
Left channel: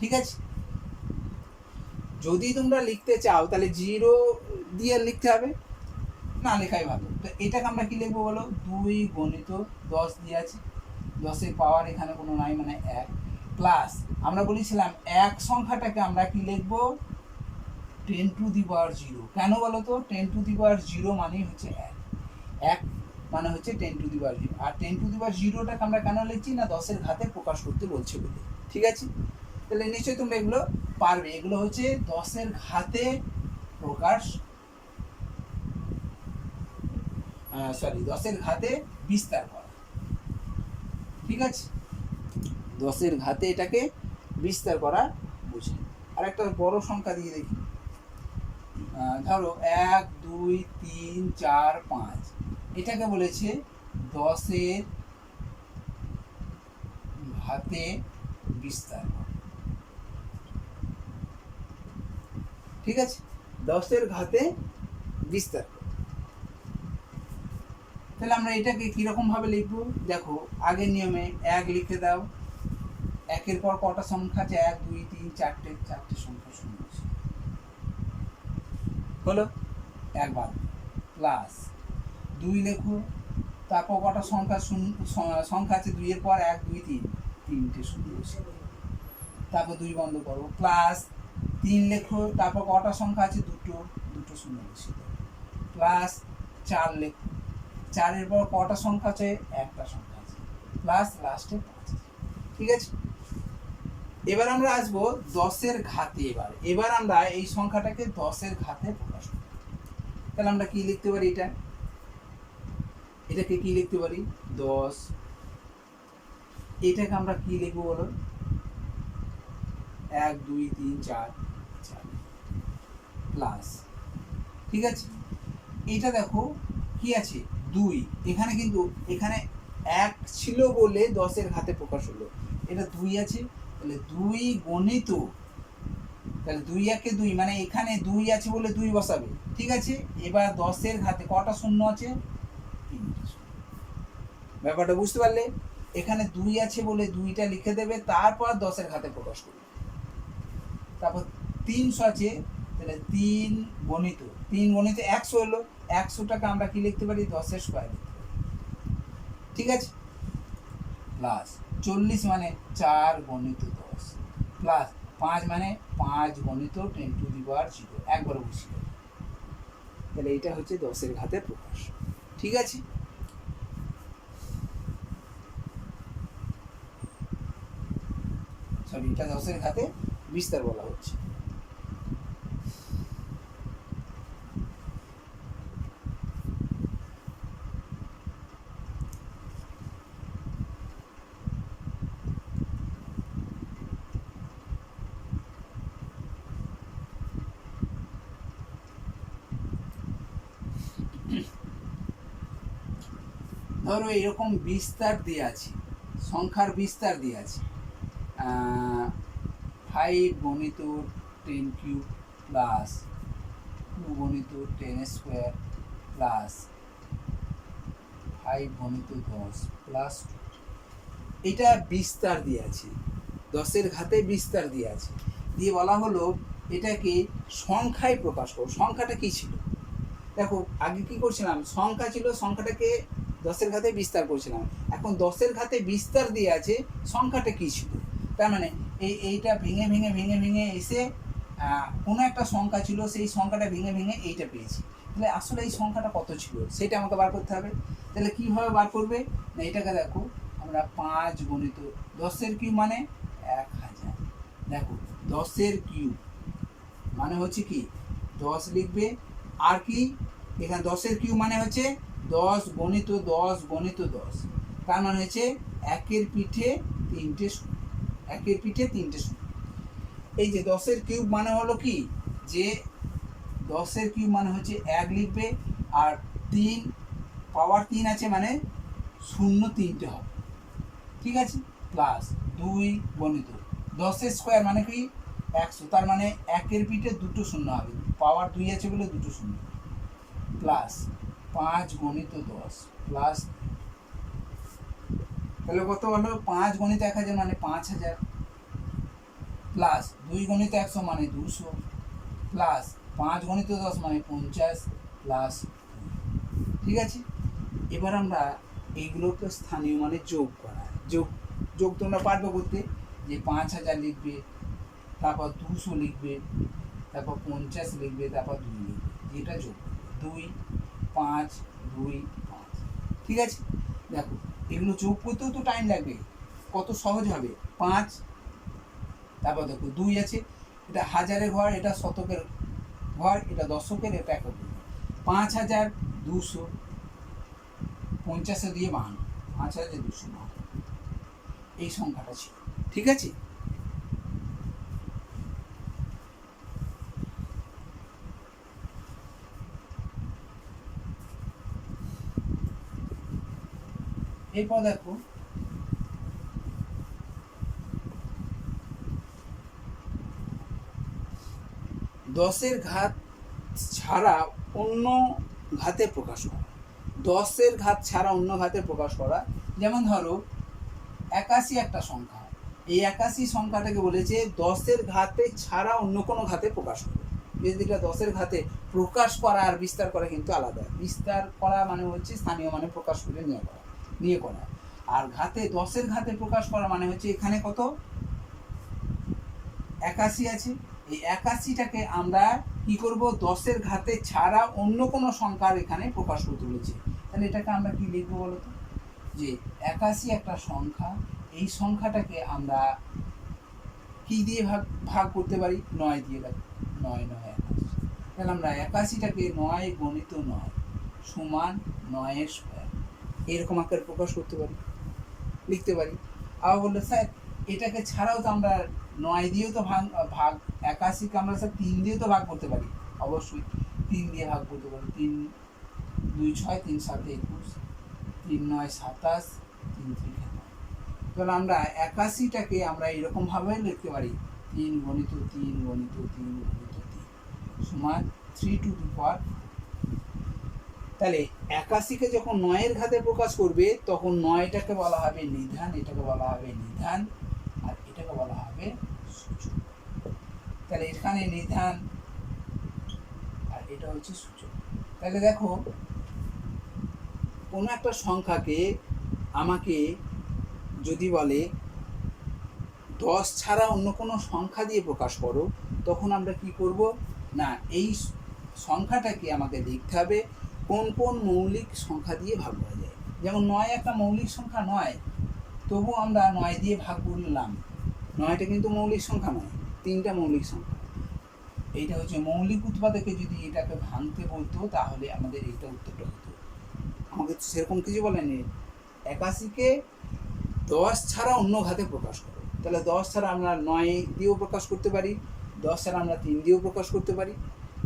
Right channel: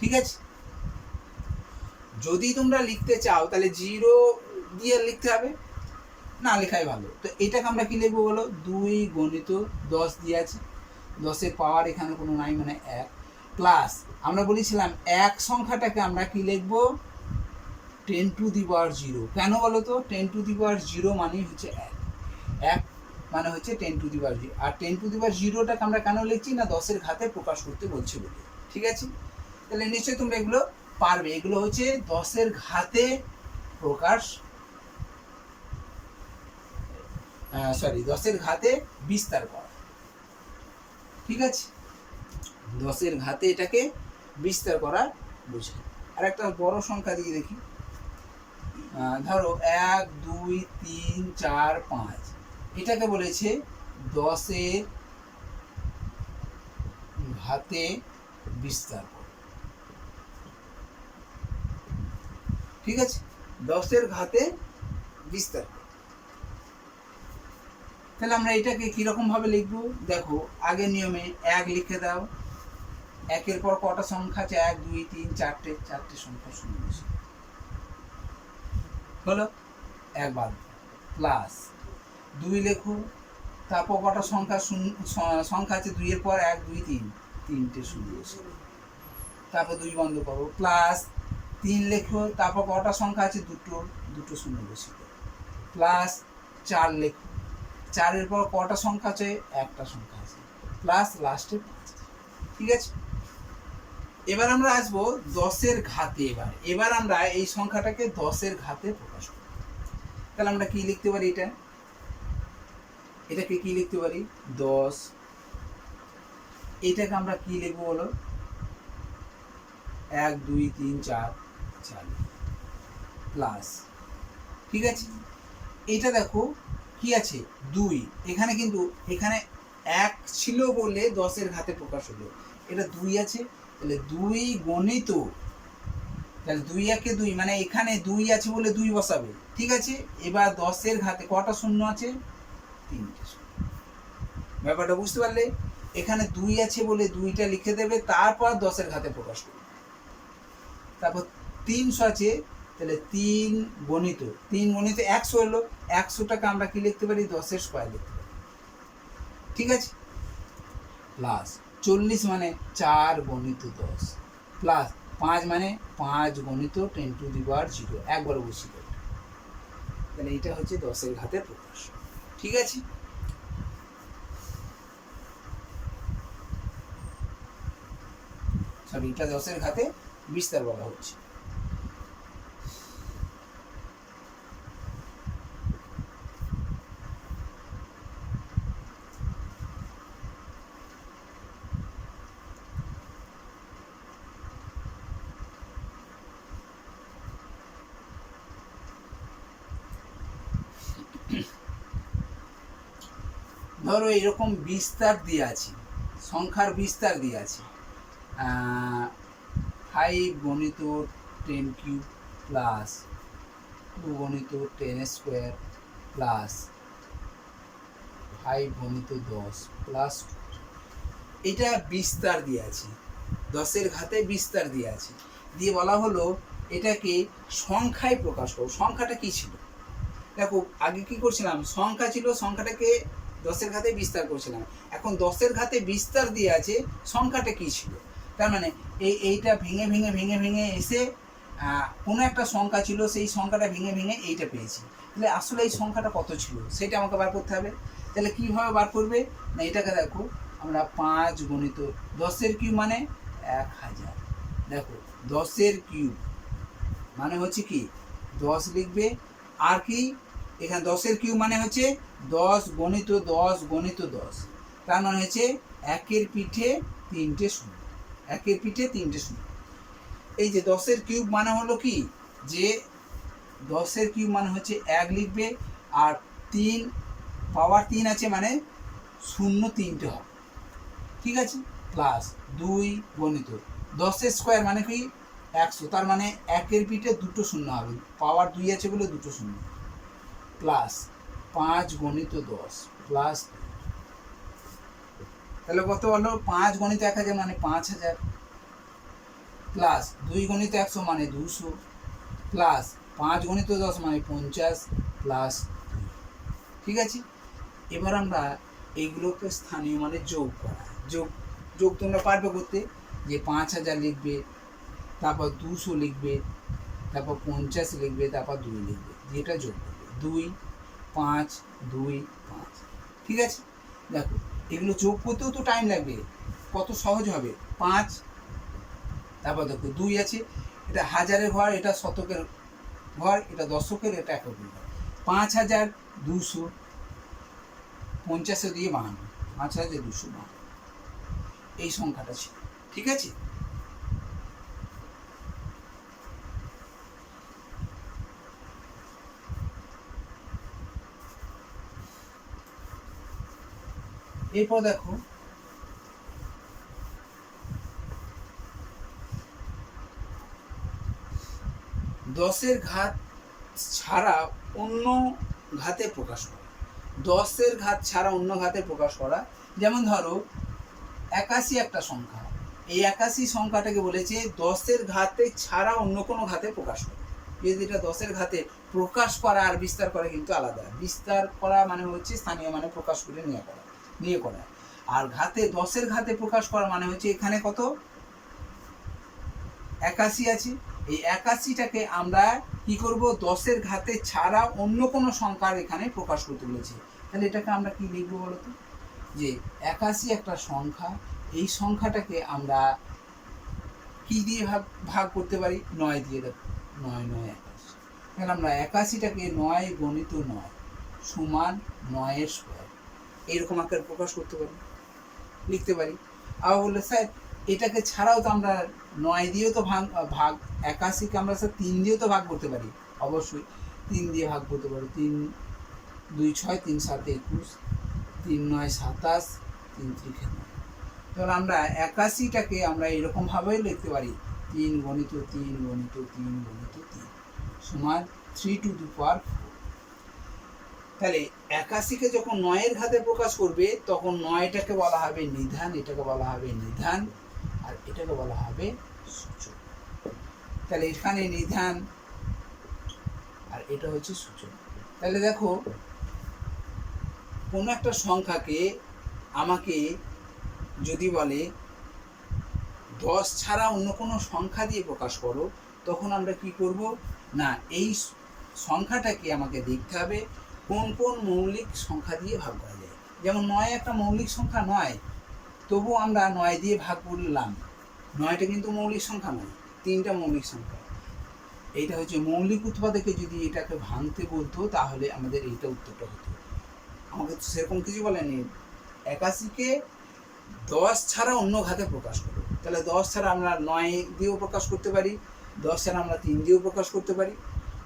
ঠিক আছে, যদি তোমরা লিখতে চাও তাহলে জিরো দিয়ে লিখতে হবে, না লেখাই ভালো। তো এটাকে আমরা কি লিখবো বলো? 2 গণিত 10 দিয়ে আছে, 10-এর পাওয়ার এখানে কোনো নাই, মানে 1। প্লাস আমরা বলেছিলাম 1 সংখ্যাটাকে আমরা কি লিখবো? 10 টু দি পাওয়ার 0। কেন বলো তো? 10 টু দি পাওয়ার 0 মানেই হচ্ছে 1 মানে হচ্ছে 10 to the power 0। R 10 to the পাওয়ার 0টাকে আমরা কেন লিখছি? না 10-এর ঘাতে প্রকাশ করতে বলছে বলে। ঠিক আছে, তাহলে নিশ্চয়ই তোমরা এগুলো পারবে। এগুলো হচ্ছে 10-এর ঘাতে প্রকাশ, 10-এর ঘাতে বিস্তার করা। ঠিক আছে, 10-এর ঘাতে এটাকে বিস্তার করা বোঝায়। আর একটা বড় সংখ্যা দিয়ে দেখি। ধরো 1 2 3 4 5, এটাকে বলেছে 10-এর ঘাতে বিস্তার করা। ঠিক আছে, 10-এর ঘাতে বিস্তার করা। তাহলে আমরা এটাকে কিরকম ভাবে লিখবো? দেখো আগের নিয়মে 1 লিখে দাও, 1-এর পর কটা সংখ্যা আছে? 1 2 3 4টে সংখ্যা শূন্য হলো, 1 বাদ। প্লাস 2 লেখো, তারপর কটা সংখ্যা আছে? 2-এর পর 1 2 3, 3টে শূন্য বসে, তারপর 2 বন্ধ করো। প্লাস 3 লেখো, তারপর কটা সংখ্যা আছে? দুটো শূন্য বসে। প্লাস 4 লেখো, 4-এর পর কটা সংখ্যা আছে? একটা সংখ্যা আছে। প্লাস লাস্টে 5। ঠিক আছে, এবার আমরা আসবো 10-এর ঘাতে। এবার আমরা এই সংখ্যাটাকে 10-এর ঘাতে প্রকাশ করব। তাহলে আমরা কি লিখতে পারি? এটাকে কি লিখতে পারি? 10। এটাকে আমরা কি লিখবো বলো? 1 2 3 4 প্লাস। ঠিক আছে, এটা দেখো কি আছে? 2। এখানে কিন্তু এখানে 1 ছিল বলে 10-এর ঘাতে প্রকাশ হলো, এটা 2 আছে, তাহলে 2 গণিত, তাহলে 2 1 2, মানে এখানে 2 আছে বলে 2 বসাবে। ঠিক আছে, এবার 10-এর ঘাতে কটা শূন্য আছে? 3টে। ব্যাপারটা বুঝতে পারলে? এখানে 2 আছে বলে 2টা লিখে দেবে, তারপর 10-এর ঘাতে প্রকাশ করবে। তারপর 300 আছে, তাহলে 3 গণিত 100 হলো, 100টাকে আমরা কি লিখতে পারি, 10-এর স্কোয়ার লিখতে পারি, ঠিক আছে। প্লাস 40 মানে 4 গণিত 10, প্লাস 5 মানে 5 গণিত 10⁻0, একবার বসিয়ে দেবে। তাহলে এটা হচ্ছে 10-এর ঘাতের প্রকাশ, ঠিক আছে। সরি, এটা 10-এর ঘাতে বিস্তার বলা হচ্ছে। ধরো এরকম বিস্তার দিয়ে আছে, সংখ্যার বিস্তার দিয়ে আছে, 5 গণিত 10³ প্লাস 2 গণিত 10² প্লাস 5 গণিত 10 প্লাস 2, এটা বিস্তার দিয়ে আছে, 10-এর ঘাতে বিস্তার দিয়ে আছে, দিয়ে বলা হলো এটাকে সংখ্যায় প্রকাশ করো। সংখ্যাটা কি ছিল দেখো, আগে কি করছিলাম, সংখ্যা ছিল, সংখ্যাটাকে 10-এর ঘাতে বিস্তার করছিলাম, এখন 10-এর ঘাতে বিস্তার দিয়ে আছে, সংখ্যাটা কি ছিল, তার মানে এইটা ভেঙে ভেঙে ভেঙে ভেঙে এসে কোনো একটা সংখ্যা ছিল, সেই সংখ্যাটা ভেঙে ভেঙে এইটা পেয়েছি। তাহলে আসলে এই সংখ্যাটা কত ছিল সেটা আমাকে বার করতে হবে। তাহলে কীভাবে বার করবে না, এটাকে দেখো আমরা 5 গণিত 10-এর কিউব মানে 1000, দেখো 10-এর কিউব মানে হচ্ছে কি 10 লিখবে, আর কি এখানে 10-এর কিউব মানে হচ্ছে 10 গণিত 10 গণিত 10, তার মানে হচ্ছে 1-এর পিঠে 3টে শূন্য, 1-এর পিঠে 3টে শূন্য। এই যে 10-এর কিউব মানে হলো কি, যে 10-এর কিউব মানে হচ্ছে 1 লিখবে, আর 3 পাওয়ার 3 আছে মানে শূন্য 3টে হবে, ঠিক আছে, প্লাস 2 গণিত 10-এর স্কোয়ার মানে কি 100, তার মানে 1-এর পিঠে 2টো শূন্য হবে, পাওয়ার 2 আছে বলে 2টো শূন্য, প্লাস 5 গণিত 10 প্লাস, তাহলে কত হলো, 5 গণিত 1000 মানে 5000, প্লাস 2 গণিত 100 মানে 200, প্লাস 5 গণিত 10 মানে 50, প্লাস, ঠিক আছে। এবার আমরা এইগুলোকে স্থানীয় মানে যোগ করা, যোগ তোমরা পারবে করতে, যে 5000 লিখবে, তারপর 200 লিখবে, তারপর 50 লিখবে, তারপর 2 লিখবে, যেটা যোগ করবে 2 5 2 5, ঠিক আছে। দেখো এগুলো যোগ করতেও তো টাইম লাগবে, কত সহজ হবে, 5, তারপর দেখো 2 আছে, এটা হাজারের ঘর, এটা শতকের ঘর, এটা দশকের, এটা এককের ঘর, 5200, 50 দিয়ে 52, 5252, এই সংখ্যাটা ছিল, ঠিক আছে। এরপর দেখো দশের ঘাত ছাড়া অন্য ঘাতে প্রকাশ করা, 10-এর ঘাত ছাড়া অন্য ঘাতে প্রকাশ করা, যেমন ধরো 81 একটা সংখ্যা, এই 81 সংখ্যাটাকে বলেছে 10-এর ঘাতে ছাড়া অন্য কোনো ঘাতে প্রকাশ করা। যেটা 10-এর ঘাতে প্রকাশ করা আর বিস্তার করা কিন্তু আলাদা, বিস্তার করা মানে হচ্ছে স্থানীয় মানে প্রকাশ করে নিয়ে করা, আর ঘাতে 10-এর ঘাতে প্রকাশ করা মানে হচ্ছে এখানে কত 81 আছে, এই 81টাকে আমরা কি করব, 10-এর ঘাতে ছাড়া অন্য কোনো সংখ্যার এখানে প্রকাশ করতে বলেছি। তাহলে এটাকে আমরা কি লিখবো বলো তো, যে 81 একটা সংখ্যা, এই সংখ্যাটাকে আমরা কি দিয়ে ভাগ করতে পারি, 9 দিয়ে, দেখো 9 9 81, তাহলে আমরা 81টাকে 9 গণিত 9 সমান 9-এর স্কোয়ার, এইরকম আকারে প্রকাশ করতে পারি, লিখতে পারি। আবার বললে স্যার এটাকে ছাড়াও তো আমরা 9 দিয়েও তো ভাগ 81কে আমরা স্যার 3 দিয়েও তো ভাগ করতে পারি, অবশ্যই 3 দিয়ে ভাগ করতে পারি, 3 2 6 3 7 21, 3 9 27, 3 3 9, তাহলে আমরা 81টাকে আমরা এরকমভাবে লিখতে পারি, 3 গণিত 3 গণিত 3 গণিত 3 সমান 3 টু দি পাওয়ার 4। তাহলে 81কে যখন 9-এর ঘাতে প্রকাশ করবে তখন 9টাকে বলা হবে নিধান, এটাকে বলা হবে নিধান, আর এটাকে বলা হবে সূচক। তাহলে এখানে নিধান এটা হচ্ছে সূচক। তাহলে দেখো কোনো একটা সংখ্যাকে আমাকে যদি বলে 10 ছাড়া অন্য কোনো সংখ্যা দিয়ে প্রকাশ করো, তখন আমরা কি করব না এই সংখ্যাটাকে আমাকে দেখতে হবে কোন কোন মৌলিক সংখ্যা দিয়ে ভাগ করা যায়। যেমন 9 একটা মৌলিক সংখ্যা নয়, তবু আমরা 9 দিয়ে ভাগ করলাম। 9টা কিন্তু মৌলিক সংখ্যা নয়, 3টা মৌলিক সংখ্যা। এইটা হচ্ছে মৌলিক উৎপাদকে যদি এটাকে ভাঙতে বলতো তাহলে আমাদের এইটা উত্তরটা হতো। আমাকে সেরকম কিছু বলেনি, 81কে 10 ছাড়া অন্য ঘাতে প্রকাশ করো। তাহলে 10 ছাড়া আমরা 9 দিয়েও প্রকাশ করতে পারি, 10 ছাড়া আমরা 3 দিয়েও প্রকাশ করতে পারি,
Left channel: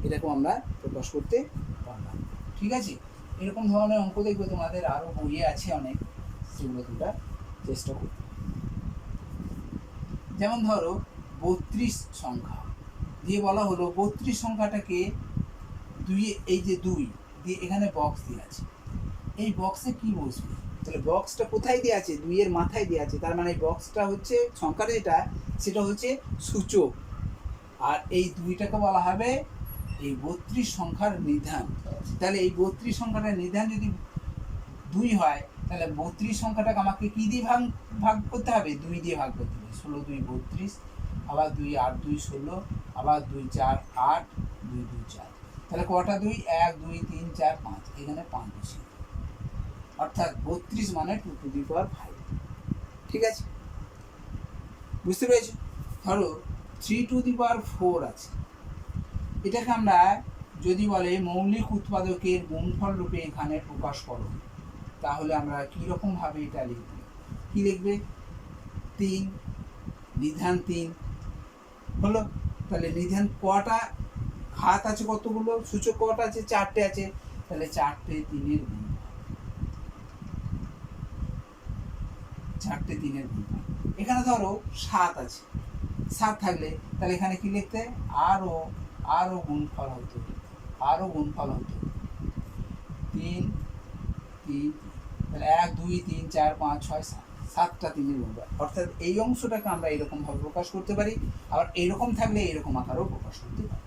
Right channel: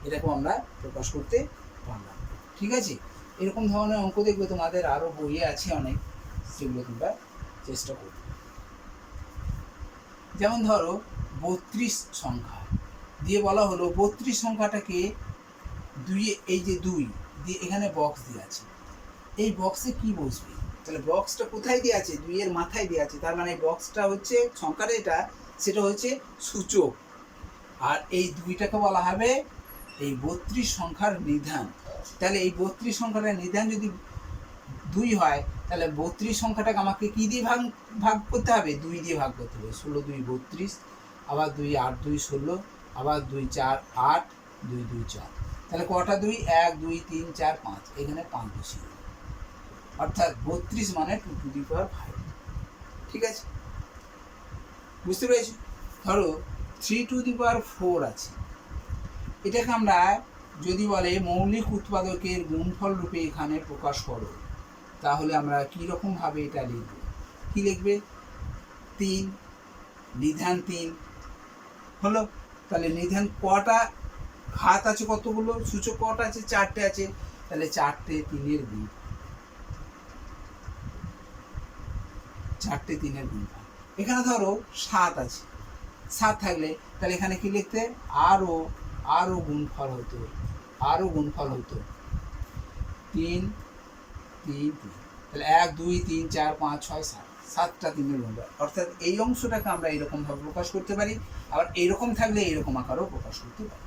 এরকম আমরা প্রকাশ করতে পারলাম। ঠিক আছে, এরকম ধরনের অঙ্ক দেখবে তোমাদের আরও বইয়ে আছে অনেক, সেগুলো তোমরা চেষ্টা করবে। যেমন ধরো 32 সংখ্যা দিয়ে বলা হলো 32 সংখ্যাটাকে এই যে 2 দিয়ে এখানে বক্স দিয়ে আছে, এই বক্সে কি বসবে? তাহলে বক্সটা কোথায় দেওয়া আছে? 2 এর মাথায় দেওয়া আছে, তার মানে বক্সটা হচ্ছে সংখ্যাটা এটা, সেটা হচ্ছে সূচক। আর এই 2টাকে বলা হবে এই 32 সংখ্যার নিধান। তাহলে এই 32 সংখ্যাটার নিধান যদি 2 হয়, তাহলে 32 সংখ্যাটাকে আমাকে কি দিয়ে ভাগ করতে হবে? 2 দিয়ে ভাগ করতে হবে। 16 2 32, আবার 2 8 2 16, আবার 2 4 8, 2 2 4। তাহলে কটা 2? 1 2 3 4 5, এখানে 5 বসি, অর্থাৎ 32 মানে 2 টু দি পাওয়ার 5। ঠিক আছে, বুঝতে পেরেছি? ধরো 3 টু দি পাওয়ার 4 আছে, এটাকে আমরা যদি বলে মৌলিক উৎপাদকের গুণফল রূপে এখানে প্রকাশ করো, তাহলে আমরা কীরকমভাবে এটা লিখব? কী লিখবে? 3 নিধান 3 হলো। তাহলে নিধান কটা ঘাত আছে? কতগুলো? সূচক কটা আছে? 4টে আছে। তাহলে 4টে 3-এর গুণ, 4টে 3-এর গুণ। এখানে ধরো 7 আছে, 7 থাকলে তাহলে এখানে কি লিখতে? আরও গুণফল হতো, আরও গুণফল হতো 3 3 তাহলে 1 2 3 4 5 6 7, 7টা 3-এর গুণ। অর্থাৎ এই অংশটাকে আমরা এরকমভাবে প্রকাশ করতে পারি, আবার এইরকম থাকলে এইরকম আকারেও প্রকাশ করতে পারি।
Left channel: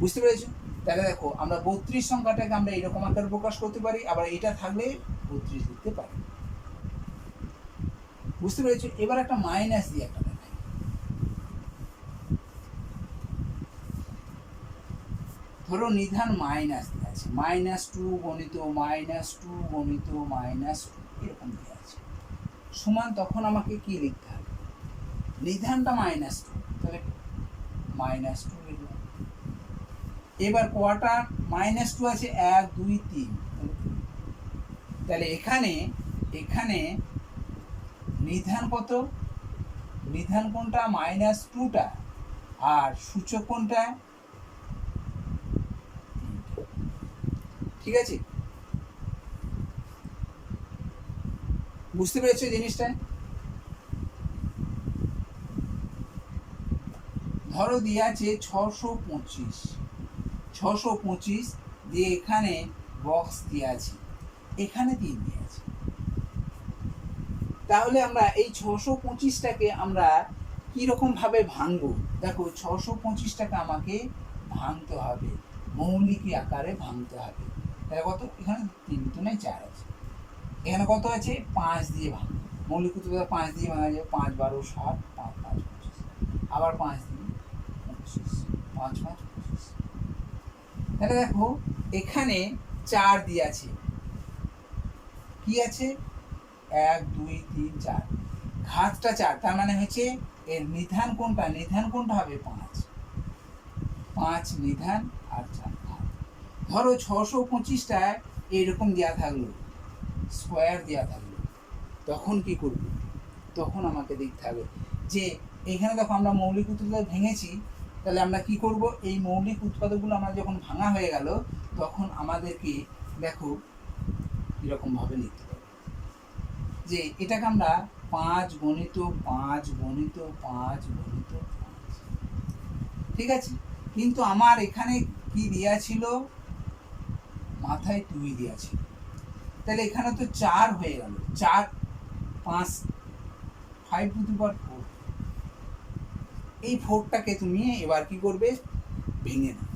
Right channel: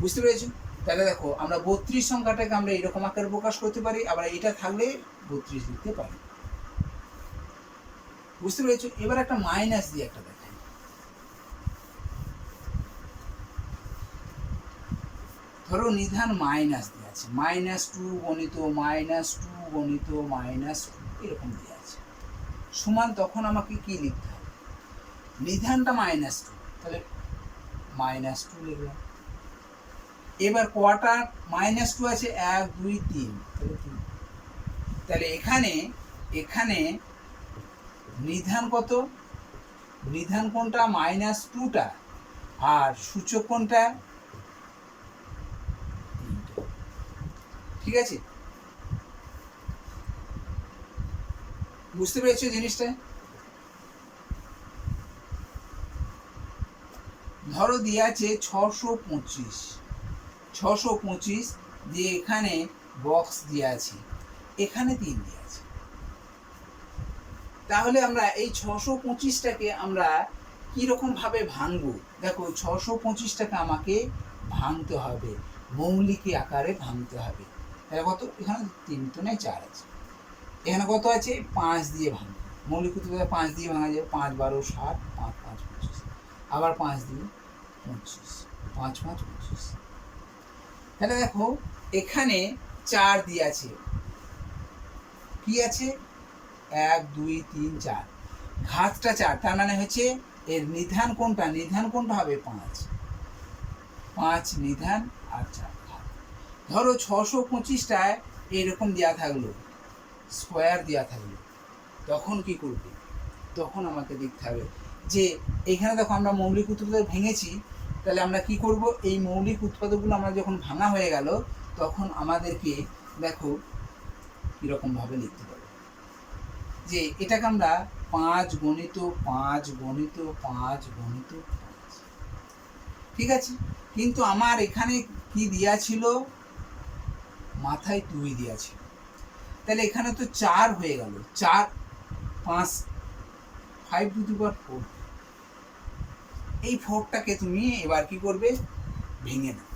বুঝতে পেরেছি? তাহলে দেখো আমরা 32 সংখ্যাটাকে আমরা এরকম আকারে প্রকাশ করতে পারি, আবার এটা থাকলে 32 লিখতে পারি। বুঝতে পেরেছো? এবার একটা মাইনাস দিয়ে একটা দেখাই। ধরো নিধান মাইনাস দিয়ে আছে, -2 গণিত -2 গণিত -2 এরকম দিয়ে আছে, সমান তখন আমাকে কি লিখতে হবে? নিধানটা -2, তাহলে -2 লিখলাম। এবার কটা -2 আছে? 1 2 3, তাহলে এখানে নিধান কত? নিধান কোনটা? -2টা, আর সূচক কোনটা? ঠিক আছে, বুঝতে পেরেছো জিনিসটা? ধরো দিয়ে আছে 625 দিয়ে এখানে বক্স দিয়ে আছে, এখানে 3 দিয়ে আছে। তাহলে আমরা এই 625টাকে আমরা কীরকমভাবে ভাঙবো? দেখো 625টাকে আমাকে ভাঙতে হবে, মৌলিক আকারে ভাঙতে হবে। তাহলে কত? এখানে 3 তো নেই, 4 আছে। এখানে কত আছে? 5 দিয়ে ভাঙবো। মৌলিক উৎপাদক 5 দিয়ে ভাঙা যায়। 5 12 60, 5 5 25, আবার 5 দিয়ে 25, 5 5 25। তাহলে দেখো এখানে 4 দিয়ে আছে, কি আছে? 1 2 3 4, ঘাতটা 4, তার মানে হচ্ছে এর নিধান কোনটা? নিধান কোনটা হবে? 5 নিধান আর 4 ঘাত। ধরো 625টায় এরকম দেওয়া থাকলো, স্কোয়ার দেওয়া থাকলো, তখন কি করবে? তখন আমাকে দেখতে হবে যে এখানে দেখো আমরা মৌলিক উৎপাদক ভেঙেছি, তাহলে আমরা কি করব? এই মৌলিক উৎপাদকগুলো আমরা যখন ভাঙা হয়ে গেল, তখন আমাদেরকে দেখো কীরকমভাবে লিখতে পারবো যে এটাকে আমরা 5 গণিত 5 গণিত 5 গণিত 5। ঠিক আছে, কিন্তু আমার এখানে কি দেওয়া ছিল? মাথায় 2 দেওয়া ছিল, তাহলে এখানে তো 4 হয়ে গেল। 4 5 5 টু দি পাওয়ার 4। এই 4টাকে তুমি এবার কি করবে? ভেঙে দাও।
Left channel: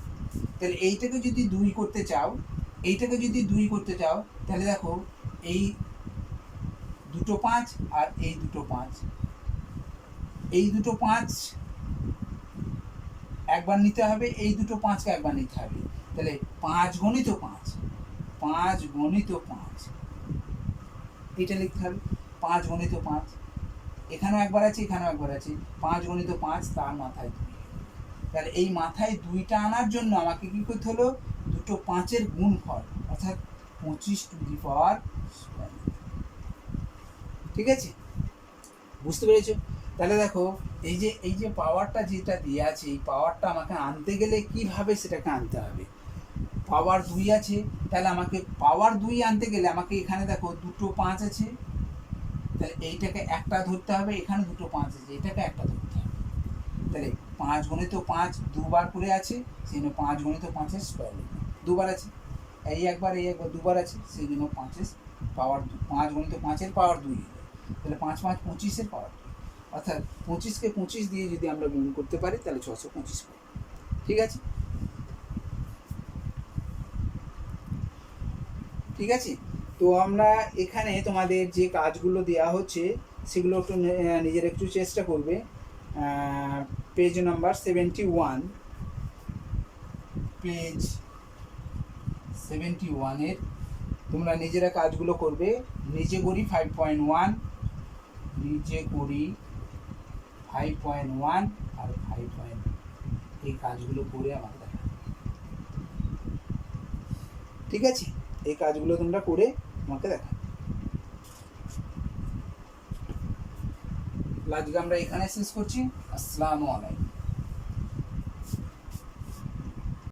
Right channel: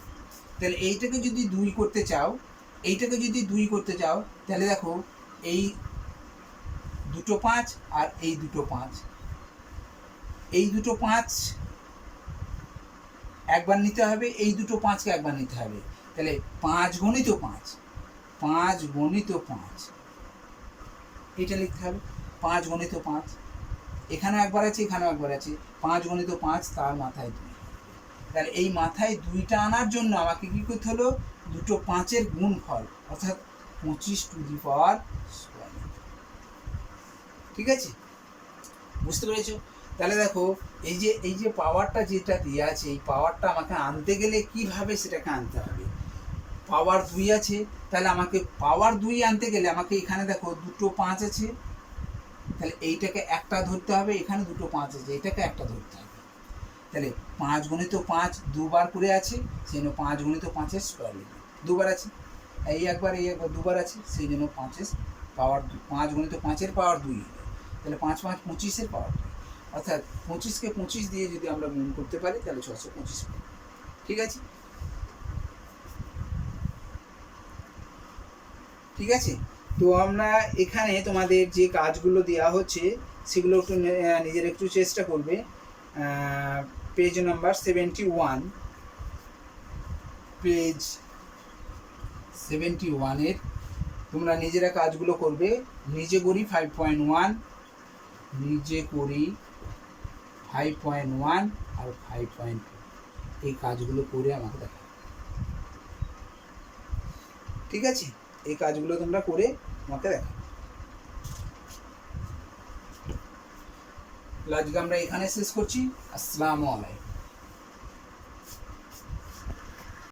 তাহলে এইটাকে যদি 2 করতে চাও, এইটাকে যদি 2 করতে চাও, তাহলে দেখো এই দুটো 5 আর এই দুটো 5, এই দুটো 5 একবার নিতে হবে, এই দুটো 5কে একবার নিতে হবে। তাহলে 5 গণিত 5, 5 গণিত 5 এটা লিখতে হবে। 5 গণিত 5 এখানেও একবার আছে, এখানেও একবার আছে, 5 গণিত 5 তার মাথায় 2। তাহলে এই মাথায় 2টা আনার জন্য আমাকে কি করতে হলো, দুটো 5-এর গুণফল অর্থাৎ 25 টু দি পাওয়ার স্কয়ার। ঠিক আছে, বুঝতে পেরেছো? তাহলে দেখো এই যে পাওয়ারটা যেটা দিয়ে আছে, এই পাওয়ারটা আমাকে আনতে গেলে কিভাবে সেটাকে আনতে হবে। পাওয়ার 2 আছে, তাহলে আমাকে পাওয়ার 2 আনতে গেলে আমাকে এখানে দেখো দুটো 5 আছে, তাহলে এইটাকে একটা ধরতে হবে, এখানে দুটো 5 আছে, এটাকে একটা ধরতে হবে। তাহলে 5 গণিত 5 দুবার করে আছে, সেই জন্য 5 গণিত 5-এর স্কয়ার লিখবে। দুবার আছে, এই একবার দুবার আছে, সেই জন্য 5-এর পাওয়ার 5 গণিত 5-এর পাওয়ার 2 লিখবে। তাহলে 5 5 25-এর পাওয়ার 2, অর্থাৎ 25কে 25 দিয়ে যদি আমরা গুণ করতে পারি তাহলে 625 পাবো। ঠিক আছে, ঠিক আছে। তো আমরা এখানে তোমাদের যে কাজগুলো দেওয়া হচ্ছে সেগুলো একটু নিজের একটু চেষ্টা করবে। পেজ নাম্বার 71, পেজ 71-এর তোমরা নিজেরা কাজগুলো করবে। নিজে করি 5.1, নিজে করি 5.1 আর 5.2 এই কাজগুলো করে আমাকে দেখা। ঠিক আছে, এই কাজগুলো তোমরা করে আমাকে দেখা। আজকে আমরা এখানে শেষ করছি। আসসালামু আলাইকুম।